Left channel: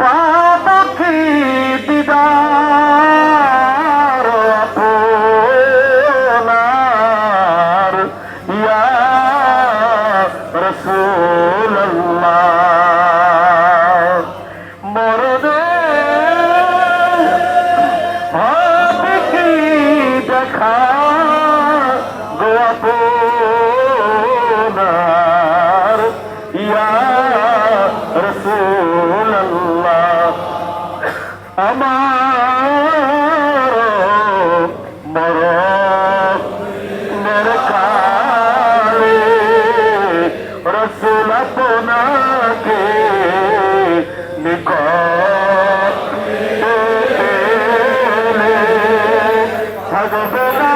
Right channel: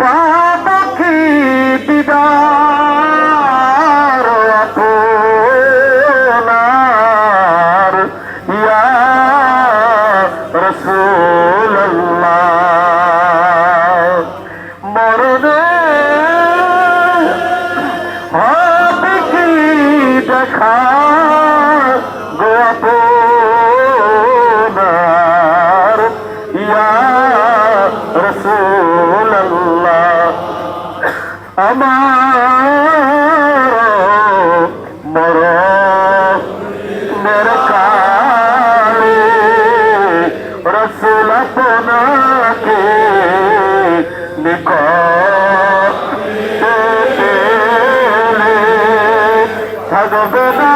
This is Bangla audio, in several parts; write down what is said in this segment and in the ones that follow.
পাখি দিদার আপনার ইয়া রাসূলুল্লাহ মরদে হবে কি দেখা গো আপনার ইয়া রাসূলুল্লাহ আমার মরণের কালে রাসূল আপনাকে নিকট থাকবে না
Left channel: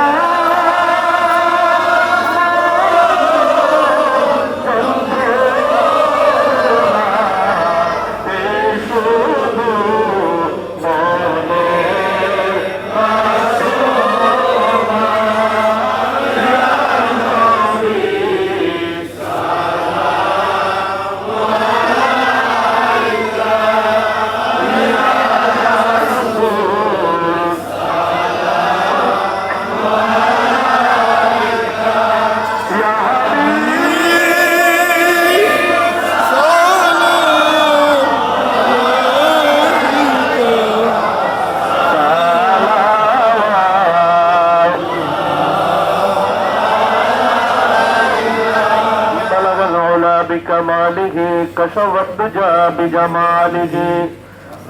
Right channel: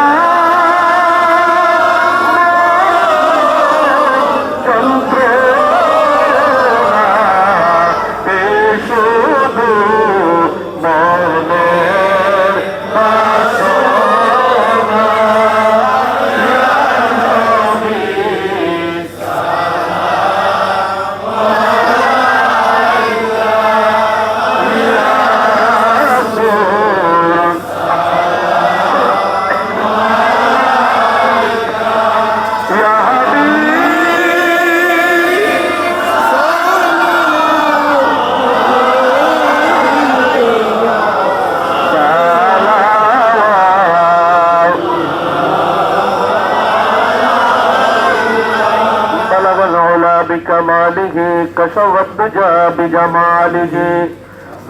بكماله كشف الدجى بجماله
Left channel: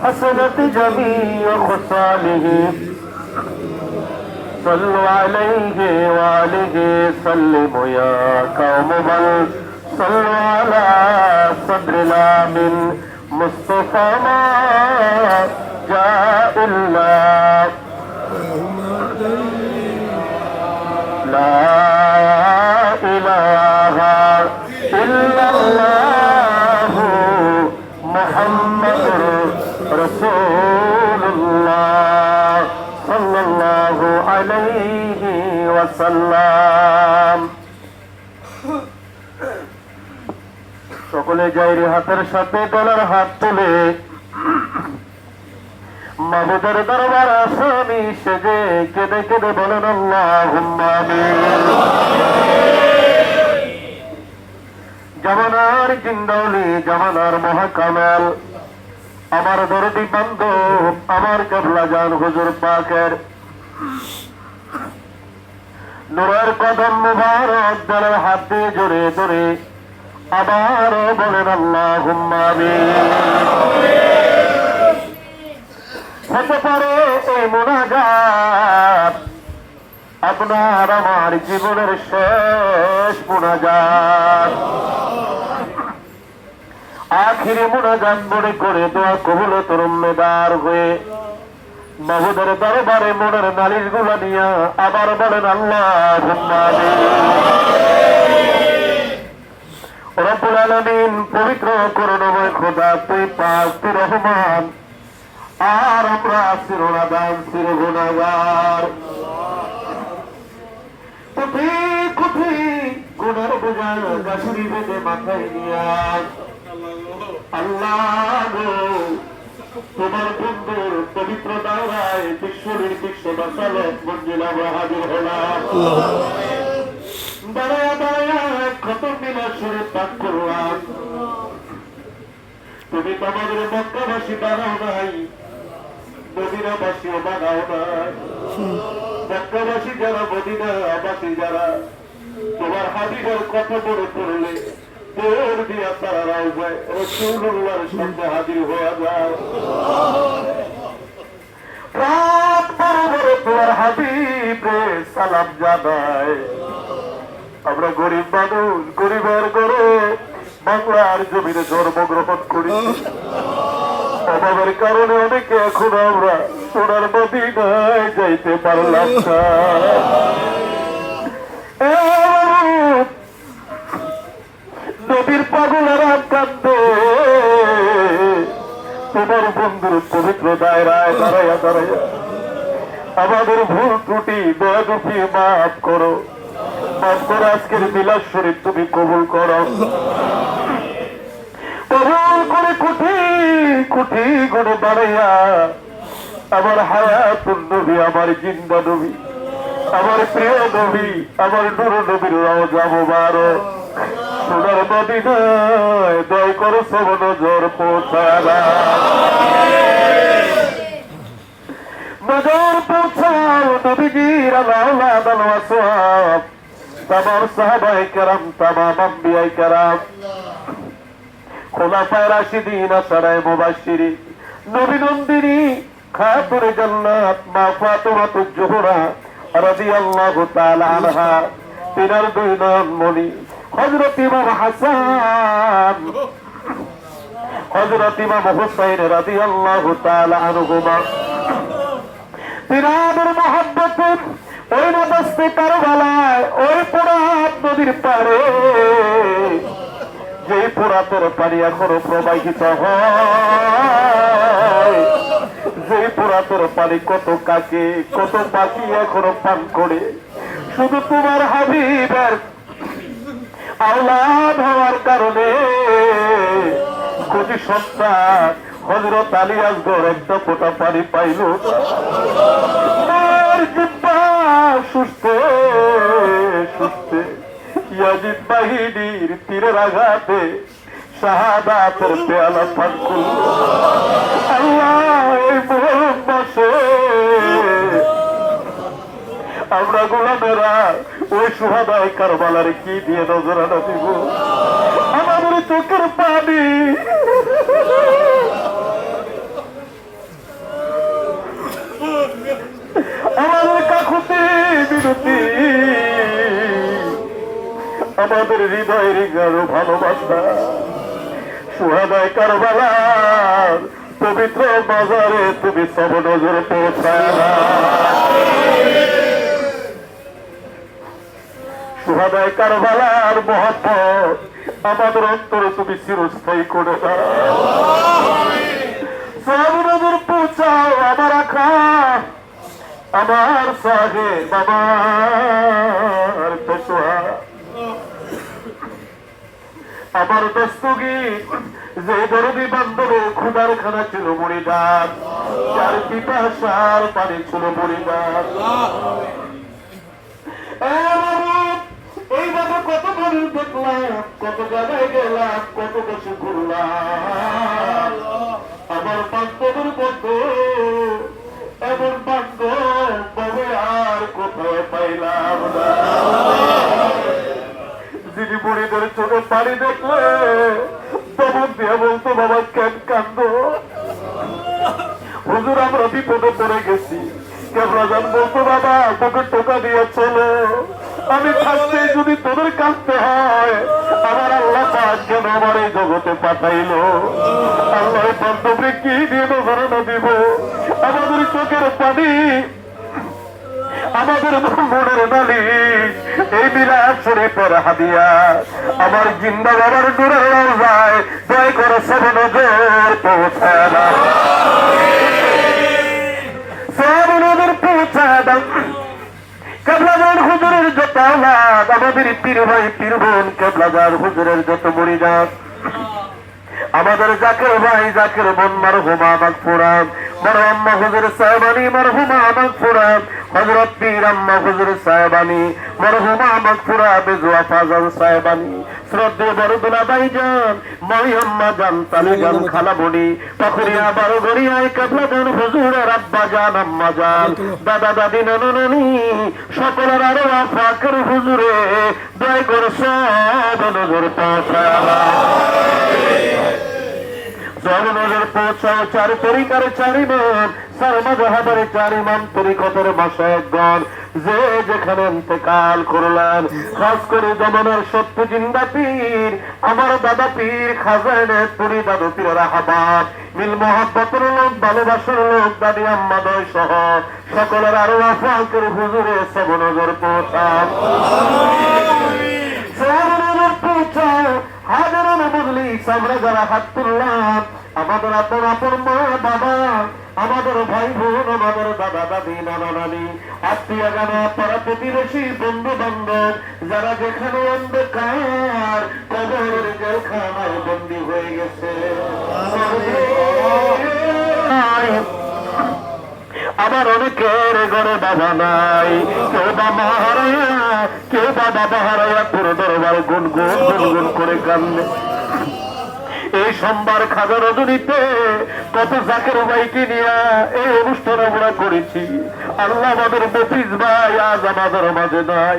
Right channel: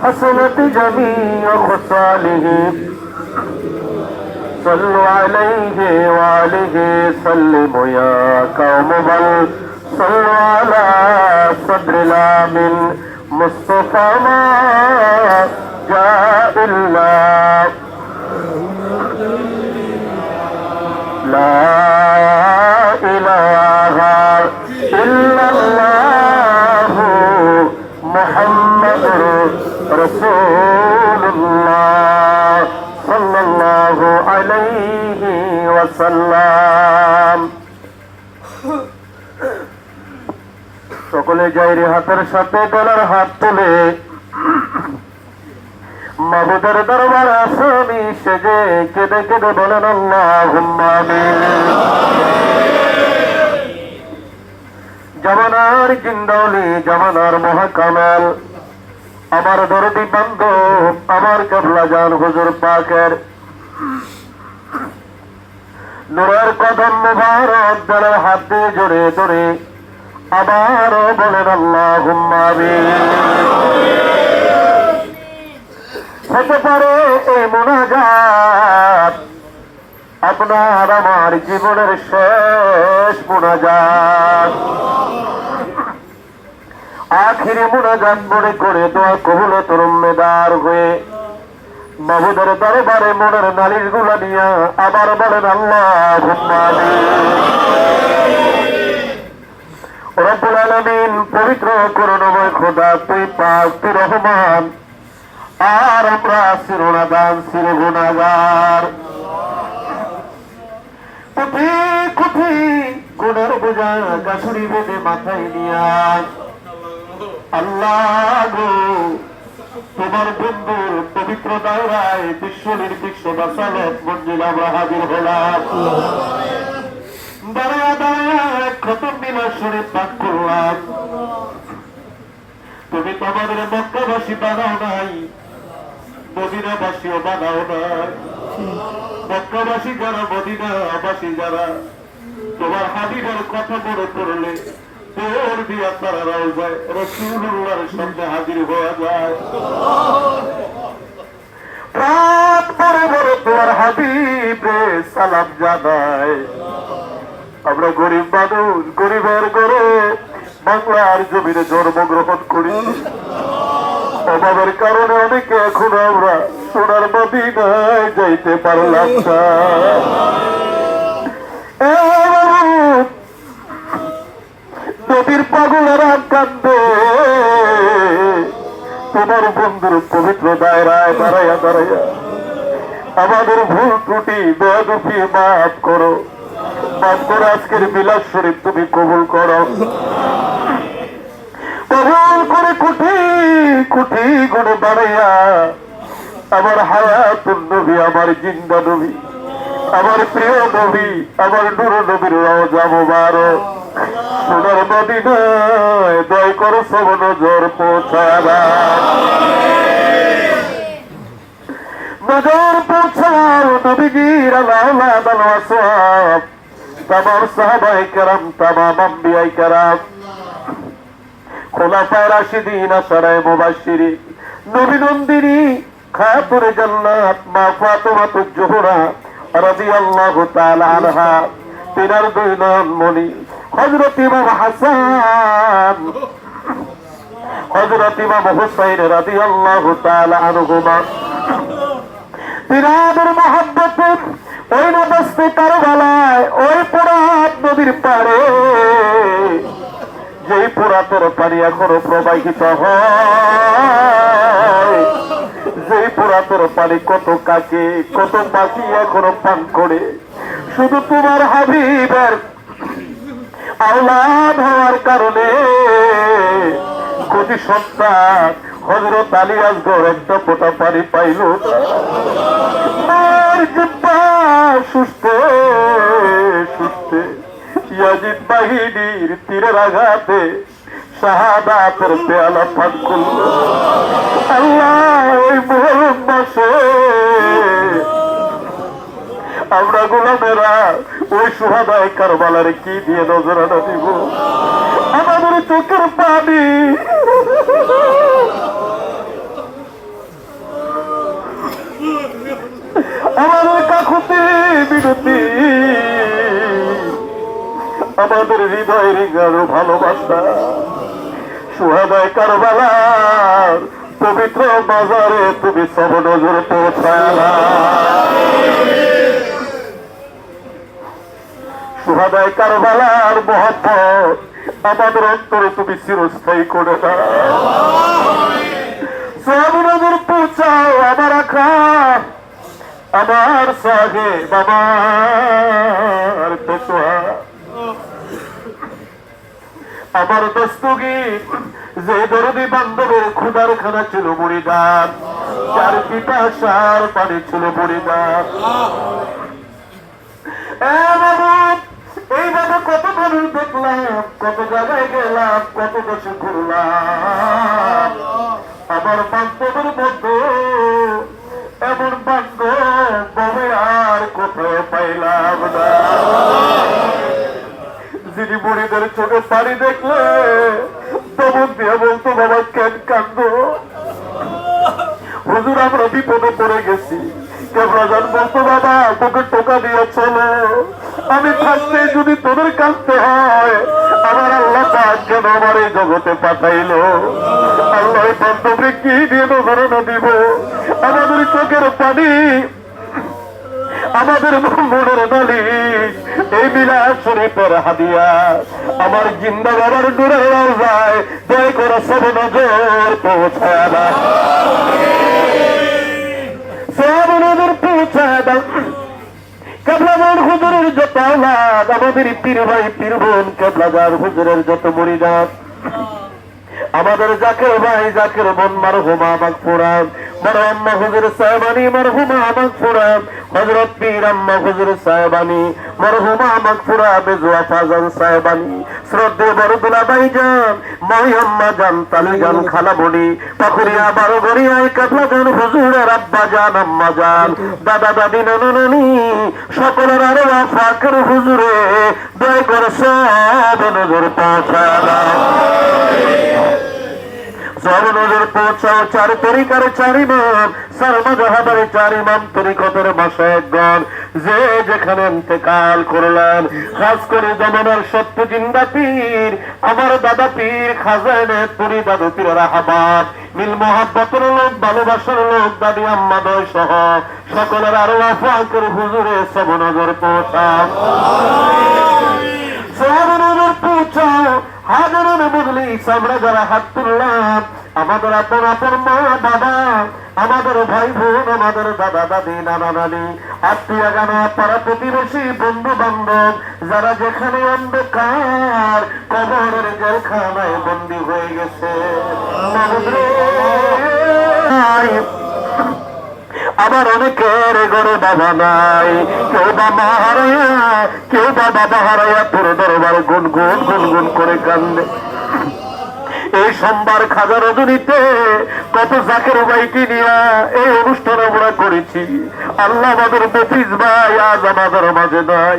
حسنت جميع خصاله صلوا عليه وآله سلموا يا قوم بل صلوا على صدر الآمن مصطفى ما جاء إلا لا إله إلا الله محمد رسول الله صلى الله عليه وسلم সকলে জায়রে হাতের সাথে গলার হাত তুলে মাবুদের দরবার আসামি সেজে কেঁদে কেঁদে বলেন আল্লাহুম্মা আমিন। জামানার জিন্দালি জামানার মহাকামাল আমার দরদি বান্ধব আমার কেবলা জান হুজুর পাকের নূরের কদম মুবারক দলের হাত দিয়ে জড়ে ধরে আবারও বলেন আল্লাহুম্মা আমিন। হতে পারে এই মুনাজাত আপনার আমার জীবনের শেষ মুনাজাত, আখিরি মুনাজাত মনে করে দোয়া কবুল তরুণদার হয়ে মাহবুদের দরবারে মনের নালিশ গুলা নিয়ে আবার বলেন আল্লাহুম্মা আমিন। রব্বুল আলামিন পবিত্র করুণাময় খোদা তুই পাক তুই রহমান আর আমরা চিরনাদান চির গুনাহগার, কোটি কোটি গুনার বোঝা গাছুরি বেঁধে মাথায় নিয়া আল্লাহ গো তোমার বন্ধুর পবিত্র দাওরায় বিশ্ব নির্দিষ্ট বাসালত মঞ্জিল আমরা হাজির হলাম। দাঁড়ায় দাঁড়ায় খতম মিলাদ শরীফ পাঠ করলাম। তুমি তো আমাদের মক্কাবাসী বানাও নাই, মদিনাবাসীও বানাও নাই। মক্কাবাসী যারা মদিনাবাসী যারা তোমার হাবিবের কথা বড় পড়লে তোর দিয়া তারা রওজায় রাসূলুল্লাহর সামনে হাজির হওয়া যায়। রাত পরে পরে তোমার হাবিবে সালাম জানায়। আমরা গরিব মানুষ, গরিবের গড়ে বাংলার জমিনে জন্মগ্রহণ করি, অভাবের কারণে অনেকে এখন আমরা সোনার মদিনায় যাইতে পারলাম না। নবীর পাগলেরা কান্দে তোমার বন্ধুর পবিত্র দায়রায় দাঁড়াইয়া দাঁড়াইয়া আমাদের ভুল ত্রুটি দয়া দেখিয়ে মাফ করো, মাফ করে আজকের মিলাদ শরীফ তুমি কবুল করো। কবুল করে কোটি কোটি গুণে বাড়াইয়া আমার হায়াতুন নবী, আমার জিন্দা নবী, আমার প্রিয় নবী, আমার নূর নবীর রওজা মুবারক সোনার মদিনায় দয় করো সব নজর পৌঁছায়া নজর পৌঁছাও নবীজির আওলাদ আল ওয়াসাব তামাম সাহাবায়ে কেরাম, তামাম আম্বিয়ায়ে কেরাম, খোলাফায়ে রাশিদিন, আশারায়ে মুবাশশিরিন, নবী নন্দিনী খাতুনে জান্নাত মা ফাতেমাতুজ জোহরা রাদিয়াল্লাহু তাআলা আনহা, তিনার দুই নয়ন মণি হযরত ইমাম হাসান, হযরত ইমাম হুসাইন রাদিয়াল্লাহু তাআলা আনহুমা, তিনাদের মহব্বতে ওই নবস্তে কারবালায় ওই ফোরাত নদীর পাড়ে, যেই ফোরাতের পানি এখনো প্রবাহিত হয়, যেই ফোরাতের পানি কত কাকে কত পাখি এখনো পান করে, শুধু তোমার হাবিবের আওলাদ হওয়ার কারণে কোটি সন্তান হযরত আলী আসগর একটা ফোঁটা পানি পাইল সুস্থে সুস্থে ইয়াজিদ বাহিনীর তীরের আঘাতে শাহাদাতের পেয়ালা পান করল। আল্লাহ ওই মুহররম মাসে আমরা গোলামেরা ওই সুহাদায়ে কারবালার কি দিয়ে নজরানা দিব? আমাদের চোখের পানি আমাদের কাকুতি বিনতি, আমাদের হৃদয়ের গাঢ় ভালোবাসা সুহাদায়ে কারবালার পবিত্র বাজারে তুমি সব নজর পৌঁছালা। সুহাদায়ে কারবালার মহব্বত আমাদের অন্তরে তুমি চিরস্থায়ী করে দাও। সব নজর পৌঁছাও আমার আখা, আমার সাহেব, আমার পেছোয়া, আমার দস্তগীর, যে দরদি বান্ধবের ক্ষুধার খানা ছিল মুড়িদান, যার পিপাসার পানি ছিল মুড়িদান। এইভাবে কত মানুষ দেখলাম, কত জায়গায় গেলাম, কত দেশে ঘুরলাম, আমার বান্ধবের মধ্যে এমন বান্ধব তবে আর কোথাও পাইলাম না, যিনি বুড়িদের চোখে পানি দেখলে তেমন দিয়ে বলতো বাবা কেন কান্দ? হুজুর আমরা বিপদে পড়ে গেছি, কেবলাজান বলতো বাবা তোকে টোকা দিয়ে চলো, আমি থাকতে যদি তোদের কাঁদতে হয় আমার আল্লাহ কেন আমার এই জগতে পাঠাইল? আল্লাহ বান্ধবরে কি দিয়ে ধারণা দিব? আমাদের চোখের পানি, আমাদের মনের মালিক, এই বিলাস শরীফের হাদিয়া আমার জিন্দা বাবার দূরে যায়, দয় করে সব নজর পৌঁছায় না, সব নজর পৌঁছায় না। কেবলাজান হুজুরের যত আওলাদ, আমাদের পীর ভাই পীর বোন কেবলাজান হুজুরের যত মুরিদাত, আমাদের জাকের ভাই জাকের বোন মারহুমা মাগফুরাত, মারহুমা হুজুর সাহেবানী মারহুমা মাগফুরাত, হযরত পীর আম্মা হুজুর সাহেবানী মারহুমা মাগফুরাত, বেজুয়া ফাজান সাহেবানী, শ্রদ্ধেয় বরদুলা ভাইজান, মাই আম্মা জান, তালি জান, খালা বলি, পাখুরিয়া বারো গড়িয়ায় কেবলাজান হুজুরের আব্বা জান, আম্মা জান, দাদা দাদি, নানা নানি, সকলের আরো ফাকের হুজুরে দয় করে সব নজর পৌঁছায়, সব নজর পৌঁছাও। চার তরিকার চার ইমাম, চার মাযহাবের চার ইমাম, তরিকতের মাশায়েখগণ যে যেখানে ইন্তেকাল করলেন, খাস করে জামানার সত্য জিন্দা পীর আমার দাদা পীর খাজানে পুরি দাদু পীরের আহবাব, মিল মহব্বতের লোক, ভালোবাসার লোক, দাদি আম্মাদয় সহ সকলের আরো ফাকের হুজুরে সব নজর পৌঁছাও, সব নজর পৌঁছাও। হাজারের বদলি আমরা যারা হাত তুললাম আমাদের আপন আপন মা বাবা, আমাদের ভাই বোন, আমাদের দাদা দাদি, নানা নানি, আত্মীয় গান, পাড়া প্রতিবেশী, বন্ধু বান্ধব, যারা যেখানে অন্ধকার কবরের জেলখানায় বন্দী হয়ে গেছে, আবার অনেকের ঘরে বাবা নাই, কেউ বাবা হারাইয়া, কেউ বা বাবা হারাইয়া তোর দরবার গুনগুন গুনগুন করে কান্দে। এই সোমবার খাজা রজনীতে কত জাকের ভাইকে নিয়ে এই অনুষ্ঠান আমরা করেছি। আল্লাহ আমাদের বেফিস ভাই আজ আমাদের মাঝে নাই,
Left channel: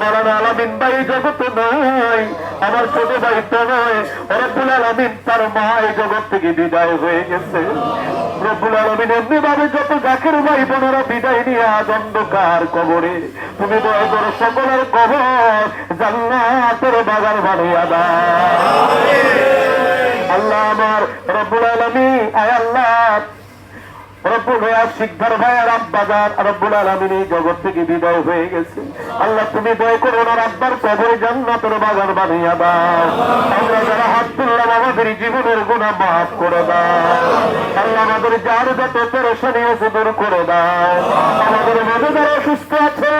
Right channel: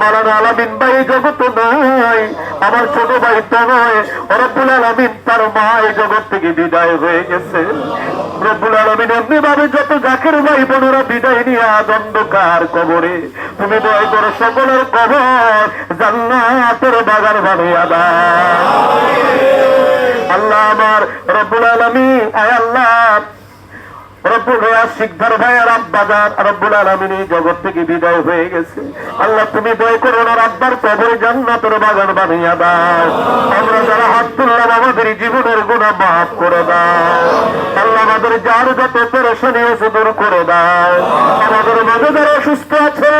মাওলানা আলামিন ভাই জগতে নাই, আমার ছোট ভাই তো নয়, রব্বুল আলামিন তার মা এই জগৎ থেকে বিদায় হয়ে গেছে। রব্বুল আলামিন এমনি ভাবে যত জাকের ভাই বোনেরা বিদায় নিয়ে আজ অন্ধকার কবরে, তুমি দয়া করে সকলের কবর জান্নাতের বাগান বানিয়ে দাও। আল্লাহ আমার রব্বুল আলামিন, আয় আল্লাহ রব্বুল শিকদার ভাইয়ের আব্বাজান রব্বুল আলামিন এই জগৎ থেকে বিদায় হয়ে গেছে। আল্লাহ তুমি দয়া করে ওনার আব্বার কবরে জান্নাতের বাগান বানিয়ে দাও। আমরা যারা হাত তুললাম আমাদের জীবনের গুনাহ মাফ করে দাও। আল্লাহ আমাদের যার যত পেরেশানি আছে দূর করে দাও। আমাদের মাঝে যারা অসুস্থ আছে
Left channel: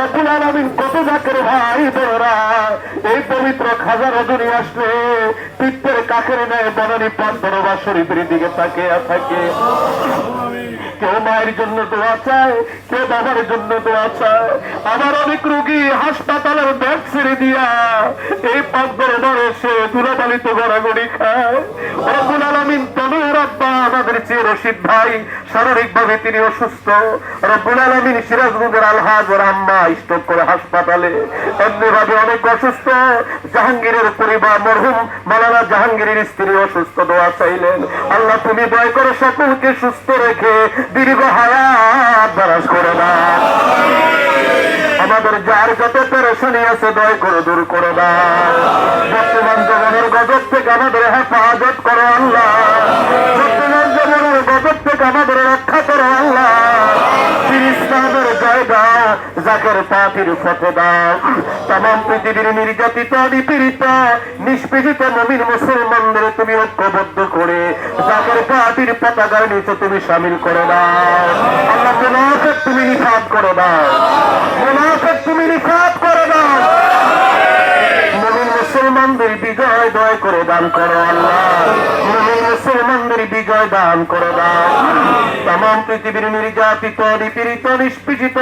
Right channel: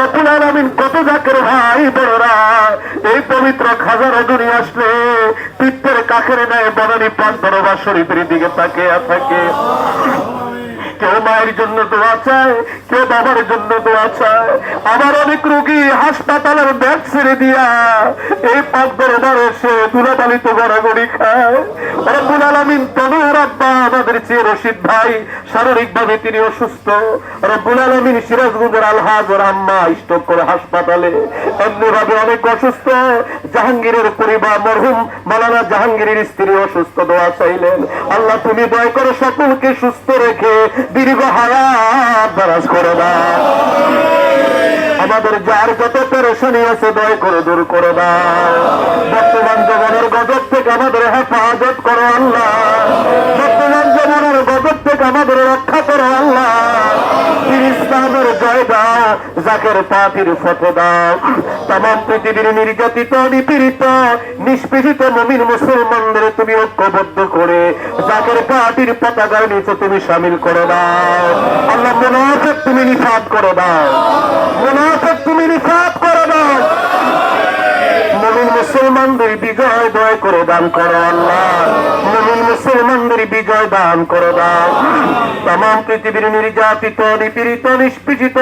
রব্বুল আলামিন কত জাকের ভাই বোনেরা এই পবিত্র খাজা রজনী আসলে পিত্তের কাকের নেয় বনানী পান দরবার শরীফের দিকে তাকিয়ে থাকে। কেউ মায়ের জন্য দোয়া চায়, কেউ বাবার জন্য দোয়া চায়। আমার অনেক রোগী হাসপাতালের ব্যাগ ছেড়ে দিয়া এই পাক দরবারে এসে দুলাবালিত গড়াগড়ি খায়। রব্বুল আলামিন তোমার আব্বা আমাদের চেয়ে রশিদ ভাই শারীরিক ভাবে তিনি অসুস্থ। রব্বুল আলামিন সিরাজগঞ্জের আলহাজের আম্মা স্ট্রোক করে হাসপাতালে, এমনি ভাবে অনেক অসুস্থ। জাহাঙ্গীরের পরিবার মরহুম মাওলানা জাহাঙ্গীরের স্ত্রী অসুস্থ, দোয়া চাইলেন। আল্লাহ তুমি দয়া করে সকলকে সুস্থ রেখে দীর্ঘ হায়াত দারাজ করে দাও। আমাদের যার যত পেরেশানি আছে দয়া করে দূর করে দাও। বর্তমান জীবনের গজব থেকে আমাদের হেফাজত করো আল্লাহ। বর্তমান জীবনের গজব থেকে আমাদের রক্ষা করো আল্লাহ। ইসলামের জয় দাও, জাকের পাখির ফতে দাও। তামাম পৃথিবীর নির্যাতিত, নিপীড়িত, নিষ্পেষিত মুমিন মুসলমানদের তুমি ঐক্যবদ্ধ করে জাকের পাখির পতাকার নিচে তুমি শামিল করে দাও। আল্লাহ মুনাফিক তুমি নিফাত করে দাও, মুনাফিক তুমি নিফাত করে দাও। মুমিন মুসলমানদের বিজয় দয় করে দান করো আল্লাহ। মুমিন মুসলমানদের বিজয় দান করে দাও। তামাম পৃথিবীর নির্যাতিত, নিপীড়িত, নিষ্পেষিত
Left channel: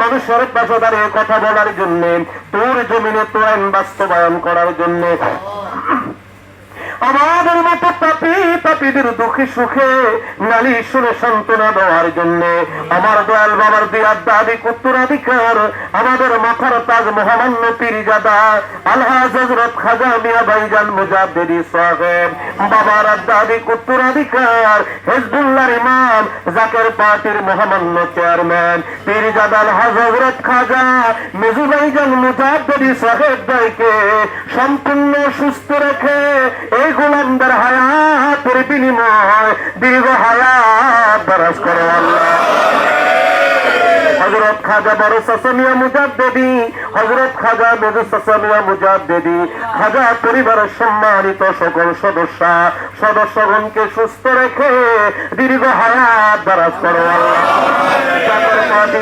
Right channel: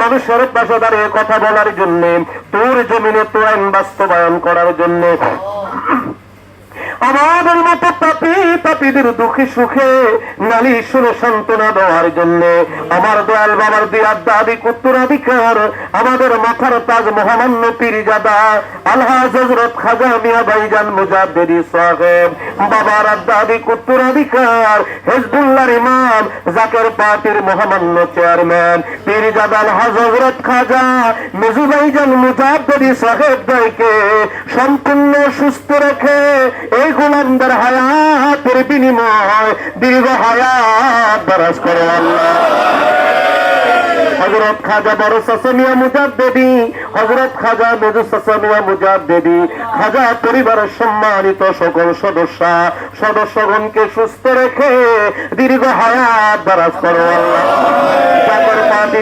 মানুষের পাশে দাঁড়িয়ে কথা বলার জন্য, তোর জমিনে তোর আইন বাস্তবায়ন করার জন্য, আমাদের মতো পাপী পাপীদের দুঃখে সুখে নালী শুনে সান্ত্বনা দেওয়ার জন্য আমার দয়াল বাবার দিয়ার দাবি উত্তরাধিকার আমাদের মাথার তাজ মহামান্য পীরজাদা আলহাজ হযরত খাজা মিয়া ভাইজান মুজাদ্দিদি সাহেব বাবার দাবি উত্তরাধিকার হিজবুল্লাহর ইমাম জাকের পার্টির মহামান্য চেয়ারম্যান পীরজাদা আলহাজ হযরত খাজা মিজু ভাইজান মুজাদ্দিদি সাহেব ভাইকে সম্পূর্ণ সুস্থ রেখে এই গোলামদের হায়াতের বিনিময় দীর্ঘ হায়াত দারাজ করো আল্লাহ। হযরত খাজা বড় চাচা মিয়া মুজাদ্দিদি, হযরত খাজা মেজু চাচা মিয়া মুজাদ্দিদি, খাজা পরিবারের সম্মানিত সকল সদস্যগণকে সুস্থ রেখে দীর্ঘ হায়াত দারাজ করো আল্লাহ।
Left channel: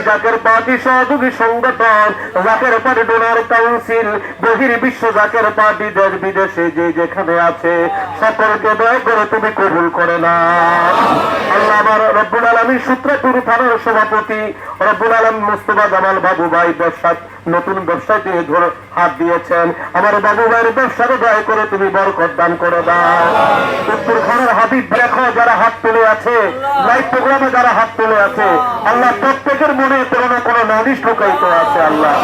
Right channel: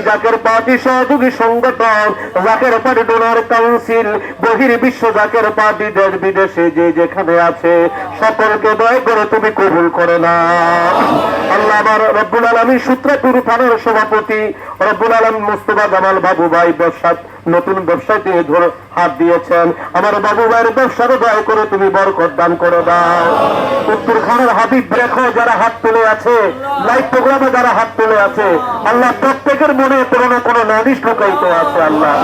জাকের পার্টি সহযোগী সংগঠন, জাকের পার্টি ডোনার কাউন্সিল, বহির্বিশ্ব জাকের পার্টি দেশ বিদেশে যে যেখানে আছে সকলকে দয়া করে তুমি কবুল করে না আল্লাহ। আমার রব্বুল আলামিন সূত্রপুর থানার সভাপতি রব্বুল আলামিন মুস্তাফা জামাল বাবু ভাই ব্যবসা নতুন ব্যবসায় তিনি ধরে হাত দিয়েছেন। আমার বাবু ভাইয়ের ব্যবসাকে দয়া করে তুমি বরকত দান করে দাও। উত্তর খানের হাবিব দেখো যারা হাত তুলে আছে, লাইভ প্রোগ্রামে যারা হাত তুলে আছে, আল্লাহ প্রত্যেকের মনে কোনো না কোনো নালিশ ঢুকাইতে আছে আল্লাহ।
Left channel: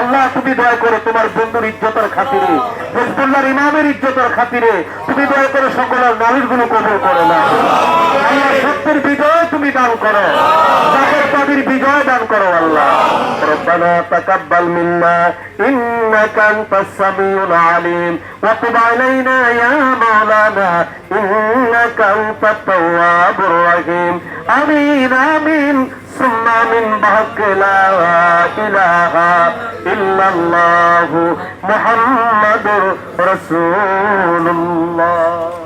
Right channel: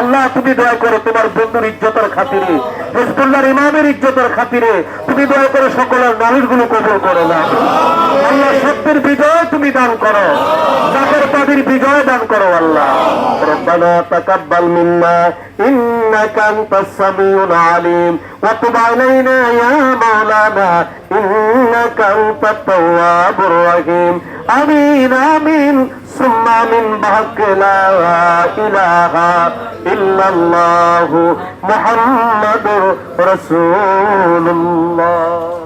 আল্লাহ তুমি দয়া করে তোমার বন্ধুর ইজ্জতের খাতিরে, হিজবুল্লাহর ইমামের ইজ্জতের খাতিরে তুমি দয়া করে সকলের নালিশ গুলো কবুল করে নাও। আল্লাহ সত্যের বিজয় তুমি দান করো, জাকের পার্টির বিজয় দান করো আল্লাহ। ربنا تقبل منا إنك أنت السميع العليم وتب علينا يا مولانا إنك أنت التواب الرحيم آمين آمين ثم من بحق لا إله إلا الله محمد رسول الله.